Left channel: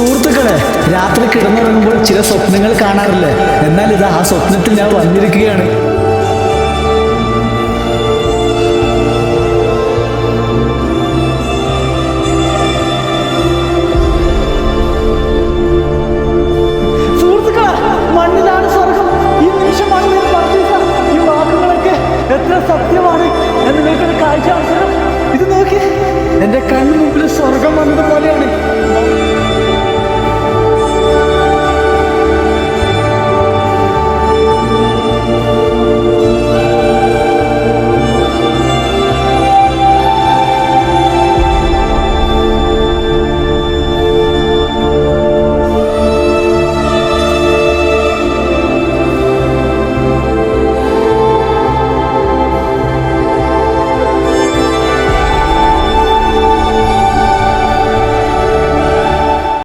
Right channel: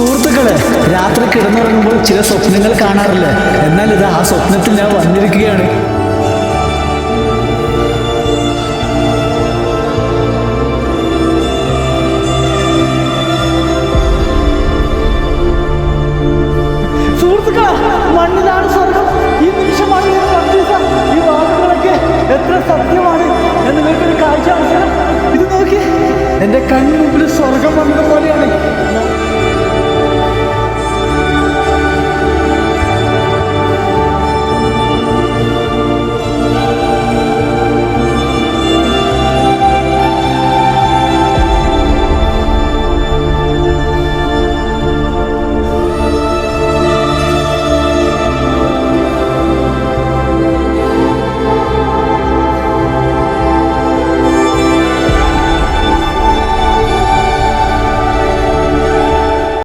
സുഹൃത്തുക്കളെ, രാത്രി കിടന്നുറങ്ങുമ്പോൾ ചില സ്വപ്നങ്ങൾ കാണാറില്ലേ? എന്നാൽ ഇത് ആ സ്വപ്നത്തിൽ ഞാൻ വന്നിരിക്കുകയാണ്. സുഹൃത്തുക്കളെ, മണ്ണിലാണ് സ്വർഗം. ഈ നിമിഷമാണ് ഞാൻ പറഞ്ഞ ഈ വാക്കുകളൊക്കെ എത്ര സത്യമാണ്. ഞാൻ നിങ്ങൾക്കൊരു കാഴ്ച അവസരം ഇത് നോക്കി. എന്റെ കണ്ണു മുമ്പിൽ സ്വർഗം വന്നത് പോലെയാണ്.